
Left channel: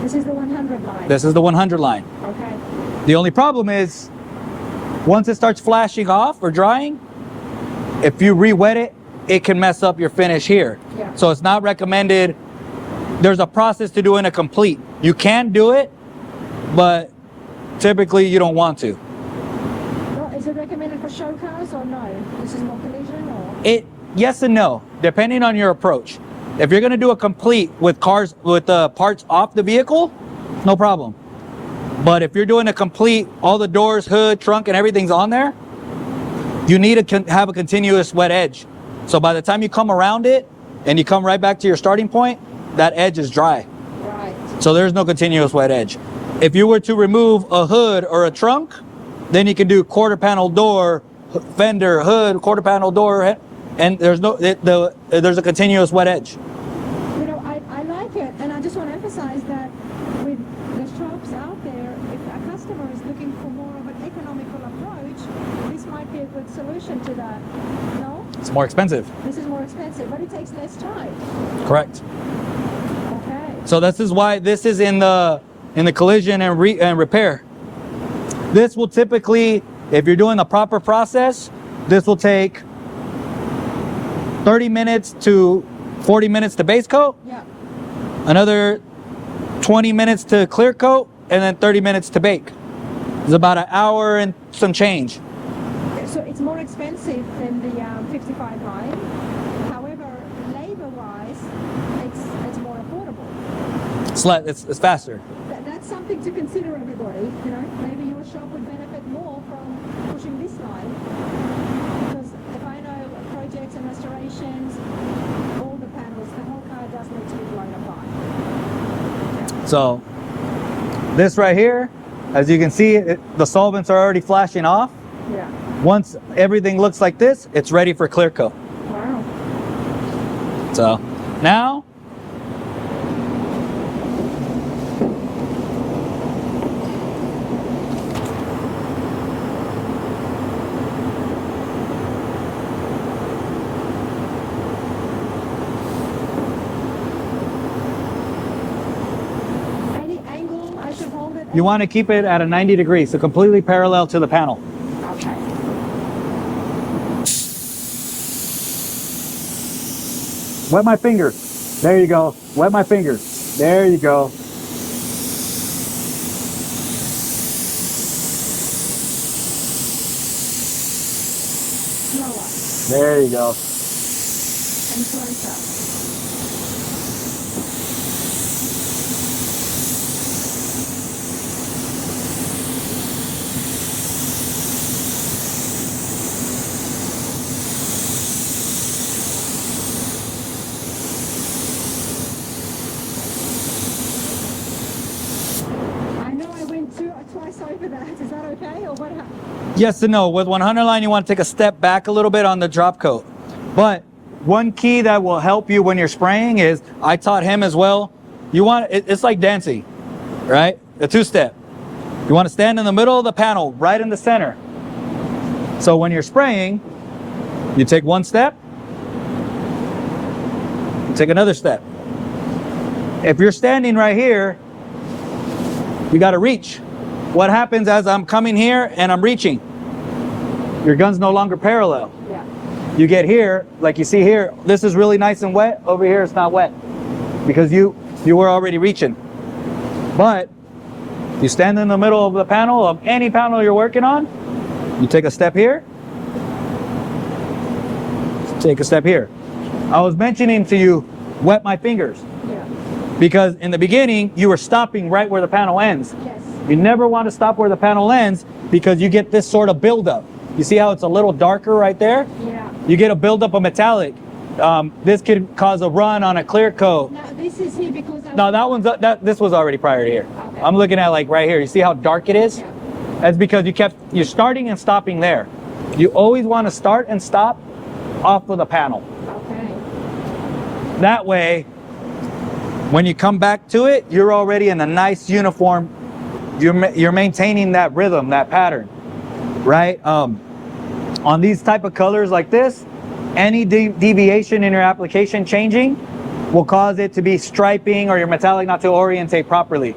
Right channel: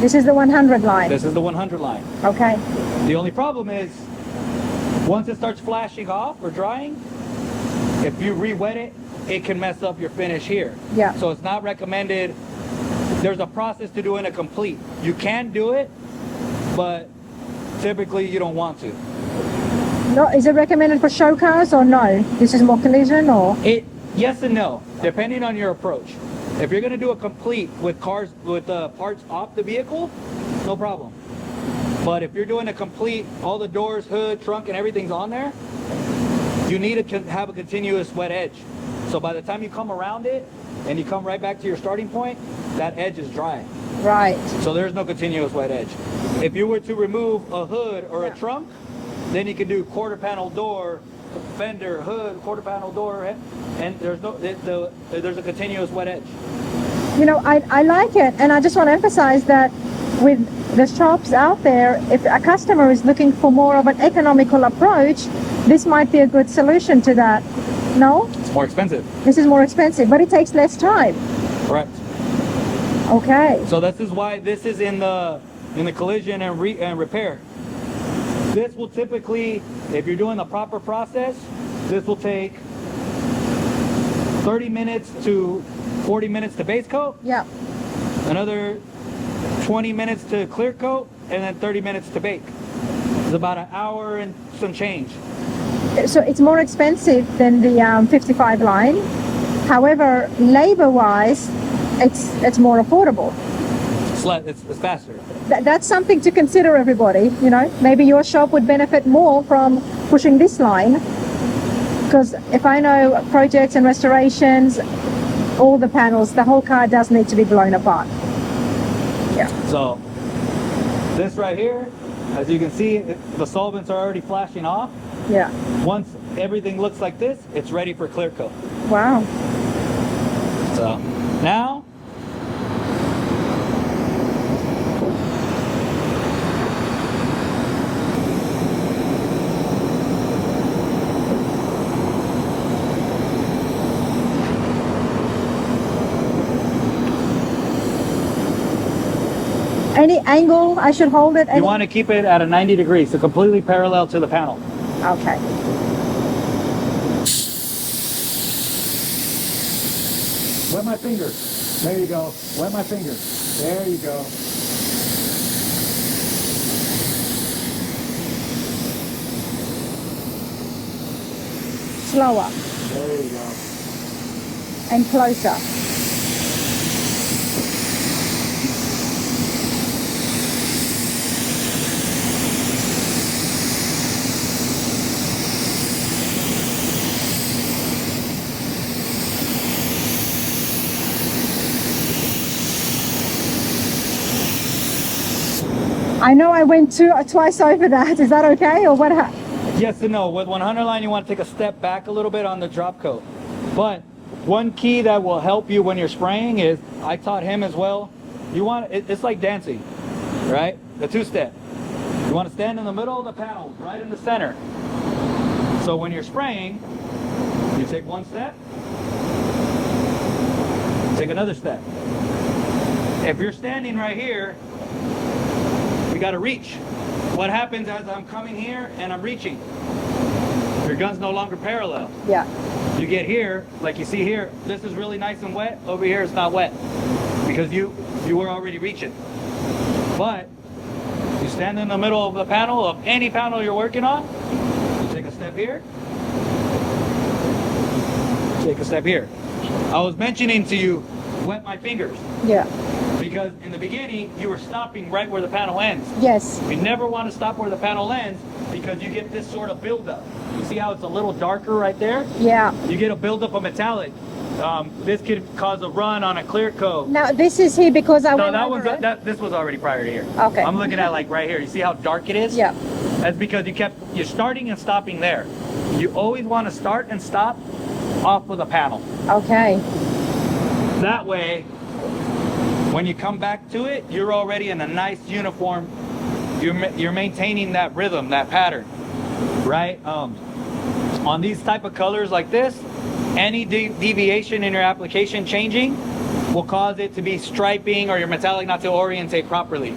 This is the 100 line. This is the 100 line. Okay. The only problem is, once it starts flashing off or drying, if you re-wet it, it can mess up your finish here. Yeah. So it's not recommended. There's a process to doing a complete. You can do it, but typically you don't want to. No, is it recommended for show cars or no? This is more collision or? Yes and no, depending on your approach. If you're gonna do a complete with cars, with parts off the vehicle, no problem. But if you're doing a complete, all the doors, hood, trunk, and everything's on there, you need to have a continuous wet edge. So by the time you come around it and you come right back to your starting point, that edge is dry. Right. So there's no continuous wet edge. If you were to remove a hood or a trunk, then you can do quarter panel door, fender, hood, quarter panel door, and there's a continuous wet edge. You know, I like it, and I just want to emphasize that with the shops out there, if a customer is looking for more of an economical approach, this might be a good solution to that. No? It's more expensive. This is more expensive, but it takes less time. Correct. Okay. So this is why this is in the collision and repair. This will typically, if you're doing the proper process, this will take 30 minutes to 40 minutes to base coat. Yeah. Another 20 minutes to clear coat, and then 30 minutes to bake. It's about an hour and some change. So it's more expensive than the 55 line. However, labor-wise, it's more affordable. It's faster. That's something to consider, everybody. You know, maybe your shop would benefit more from pushing this line, because if I know projects and restorations, all the panels, the whole car does need to be blown apart. Yeah. So this right here, as you can see, the solvents are already flashing off. Yeah. Once everything looks like this, it's ready for clear coat. Wow. So now, Any angle I should hold it? you want to keep it at a 90 degrees, so completely parallel to the panel. Okay. Wet my fingers. There you go. Wet my fingers. There you go. Slower There you go. and closer. I know I went twice over that. Is that okay, or what? Yes and no. With 100 line, you want to take a step back a little bit on the drop coat. But one key that will help you when you're spraying is, I taught him as well, you want, it's like dancing, right? A two-step. You want to stand in the middle of the panel, right in the center. So when you're spraying, you take one step, take another step. If you're standing right here, you got to reach. What happens as I'm coming here and I'm reaching? Your gun's no longer parallel. Yeah. You get here, like you see here, this is really nice and wet. Over here, it's not wet because you were already reaching. But you stand in the middle of the panel, of any panel you're working on, you take a step here, take a step here. I was mentioning to you, wet my fingers. Yeah. Because in the beginning, you were stopping right where the panel ends. Yes. You never want to stop where the panel ends because you get this sort of buildup. You see how it's a little darker right there? Yeah. You get a buildup of metallic. This could cause a run on a clear coat. Now this is here because I No, went that over one's it. this was already prior to here. Okay. I'm looking at like right here. You see how dark it is? Yeah. That's because you're starting and stopping there. You always want to start and stop off of the panel. Okay. That way, when you come back to it, you're already in a nice uniform. You're maintaining that rhythm, that pattern, right? On these type of colors like this, any deviation in your application changing will cause it to be striping or your metallic not to orientate properly.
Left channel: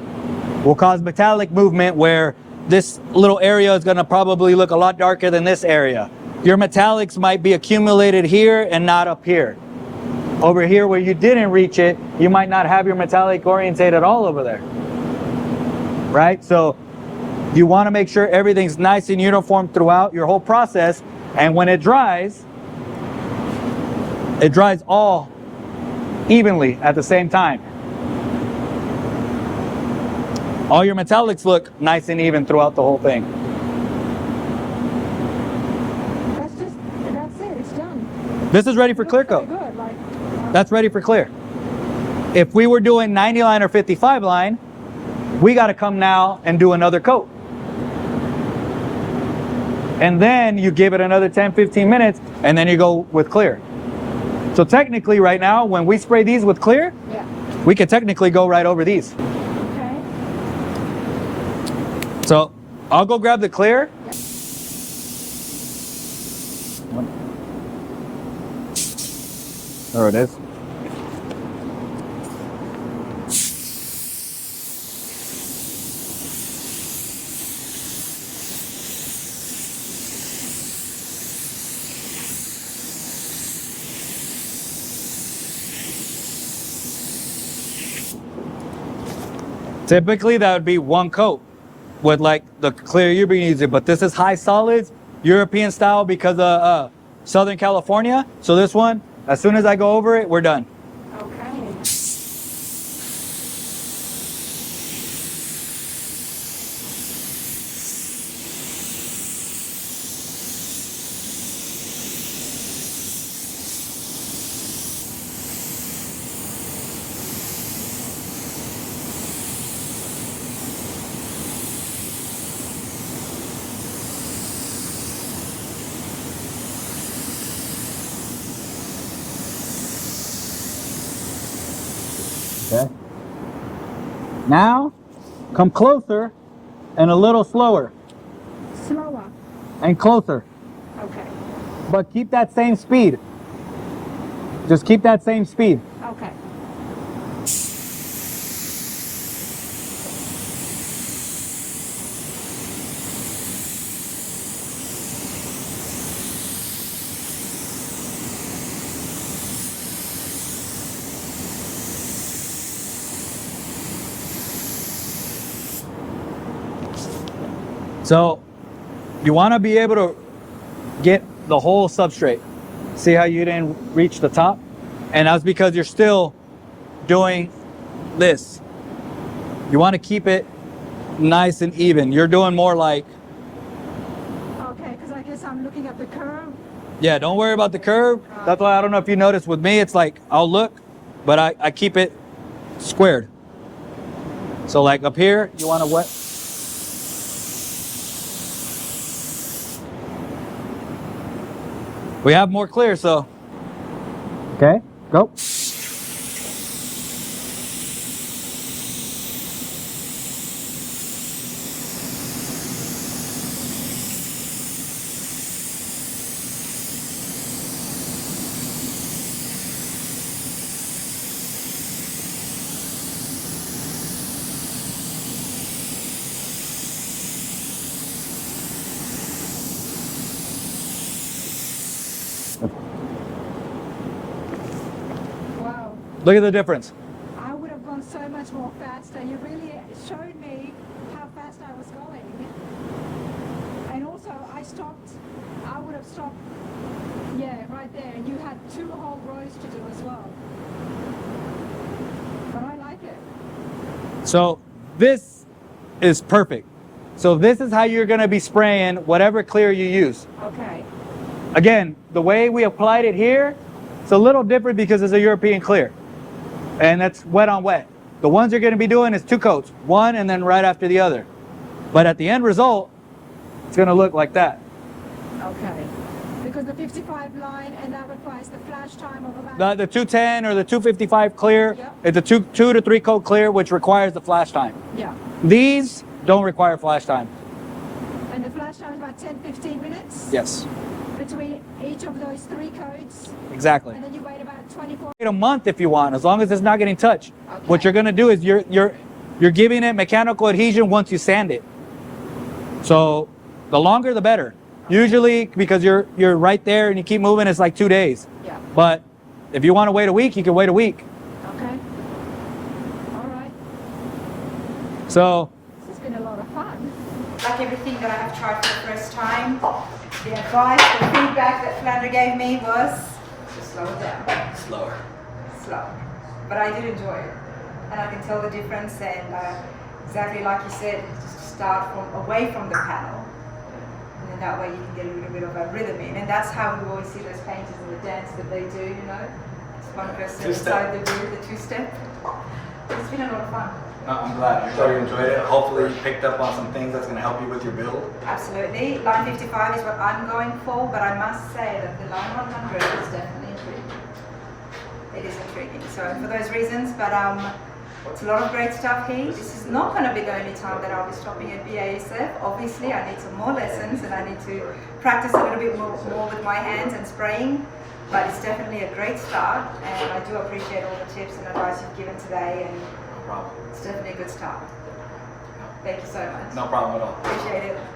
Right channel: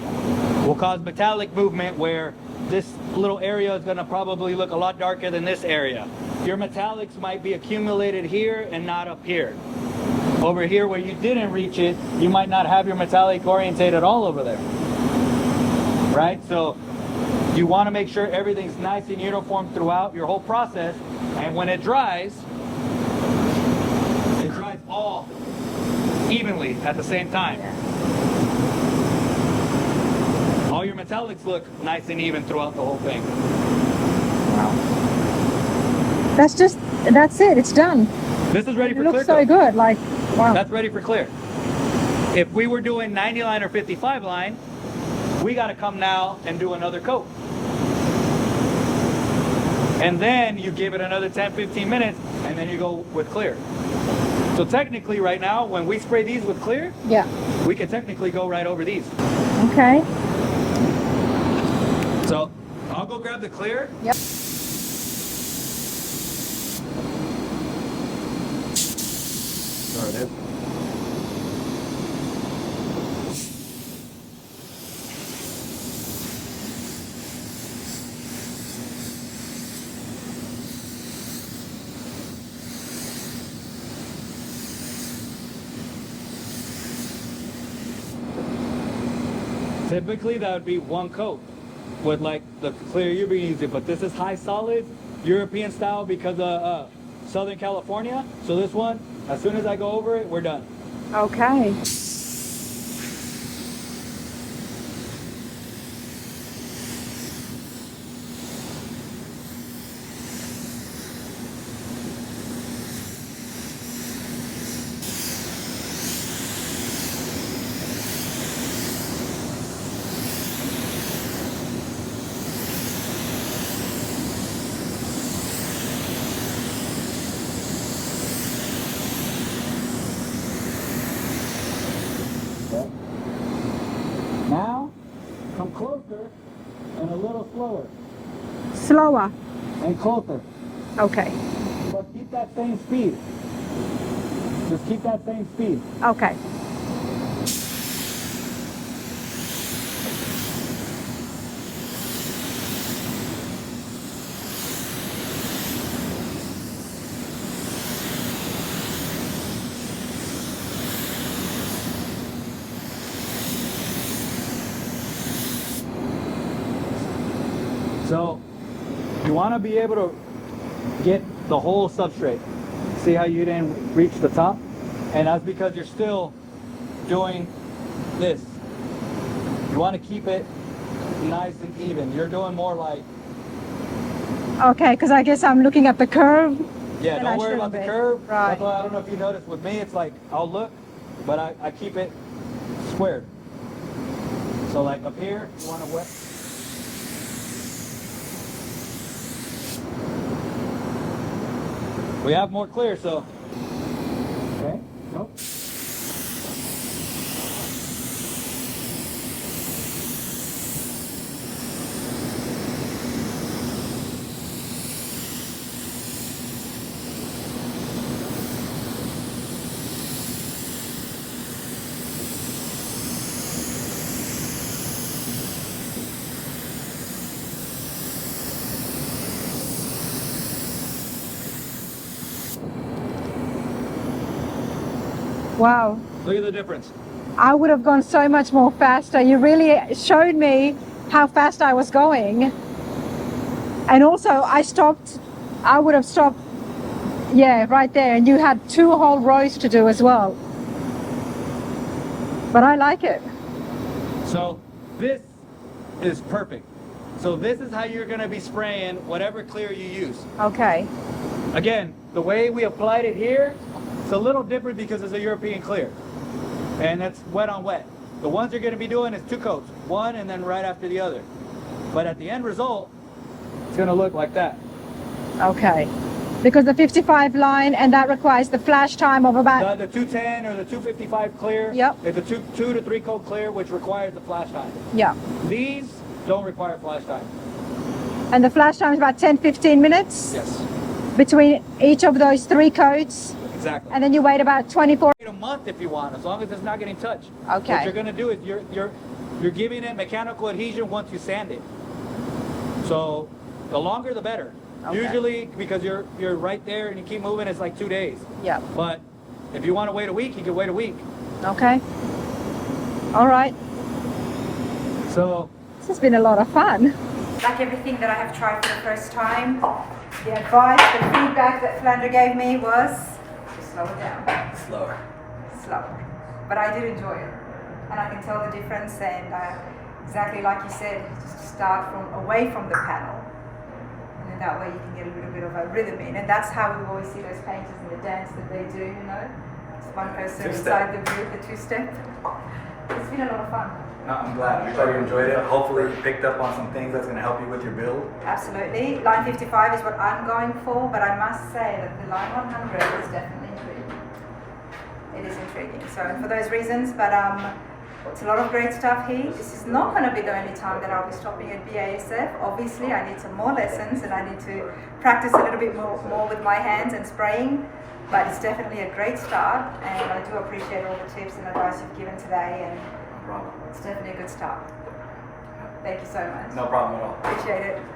Will cause metallic movement where this little area is going to probably look a lot darker than this area. Your metallics might be accumulated here and not up here. Over here where you didn't reach it, you might not have your metallic orientated all over there, right? So you want to make sure everything's nice and uniform throughout your whole process. And when it dries all evenly at the same time. All your metallics look nice and even throughout the whole thing. That's it, it's done. This is ready for clear so coat. good, like, wow. That's ready for clear. If we were doing 90 line or 55 line, we got to come now and do another coat. And then you give it another 10, 15 minutes, and then you go with clear. So technically right now, when we spray these with clear, Yeah. we could technically go right over these. Okay. So I'll go grab the clear. Yep. There it is. Typically that would be one coat with like the clear you've been using, but this is high solids, European style because of Southern California. So this one, As soon as I go over it, we're done. Okay. Okay. Now, come closer and a little slower Slower. and closer, Okay. but keep that same speed. Just keep that same speed. Okay. So you want to be able to get the whole substrate. See how you didn't reach the top? And that's because you're still doing this. You want to keep it nice and even. You're doing more like, Okay, because I guess I'm looking at the curve. yeah, And don't I worry should about the be. curve. Right. That's why I don't know if you noticed with me, it's like, I'll look, but I keep it squared. So like up here, you want to wet. We have more clear, so. Okay, go. Wow. Look at the difference. I would have gone so much more faster. You really showed me how fast I was going. And also I would have stopped, yeah, right there. And you had 2 whole rows to do as well. But I like it. So this is perfect. So this is how you're gonna be spraying whatever clear you use. Okay. Again, the way we applied it here, it's a little different because it's a European clear. And that's wet on wet. The ones you're gonna be doing is 2 coats, one and then right after the other. But at the end result, it's gonna look like that. Okay. Because the 55 line, and that requires the flash time of about... The 210 or the 255 clear, Yep. it's a 2 to 3 coat clear, which requires the flash time. Yeah. These don't require flash time. And the flash time is about 10-15 minutes? Yes, Between each of those 3 coats, exactly. and then you wait about 24... Wait a month if you want, as long as it's not getting touched. Okay. What you're gonna do is you're giving it mechanical adhesion once you sand it. So the longer the better. Okay. Usually, because you're right there and you keep moving, it's like 2 days. Yeah. But if you want to wait a week, you can wait a week. Okay. All right. So This has been a lot of fun. Like everything that I have tried for the first time, the advice, the feedback that Filander gave me was to slow it down. slower. Slow. But I did enjoy it. And I can tell the difference, and exactly like you said, just start away from the panel. And then that way you can get a little bit of a rhythm in. And that's how we always see those painters in the dance that they do, you know. It's one person inside the booth, the 2-step. It's been a lot of fun. I'm glad. I'm sure you enjoyed it. Hopefully you picked up on some things that's going to help you with your build. Absolutely. Line 55 is what I'm going for, but I must say that the line 100 is definitely intriguing. It is intriguing. So for those reasons, but it's a lot of great stuff here. This is not going to be the only time that I'll be stopping at BASF. Obviously, I need some more lessons and I need to practice a little bit more with my hands and spraying. But it's definitely a great start, and I do appreciate all the tips and advice you've given today, and No problem. it's definitely a good start. Thank you so much. No problem at all. Appreciate it.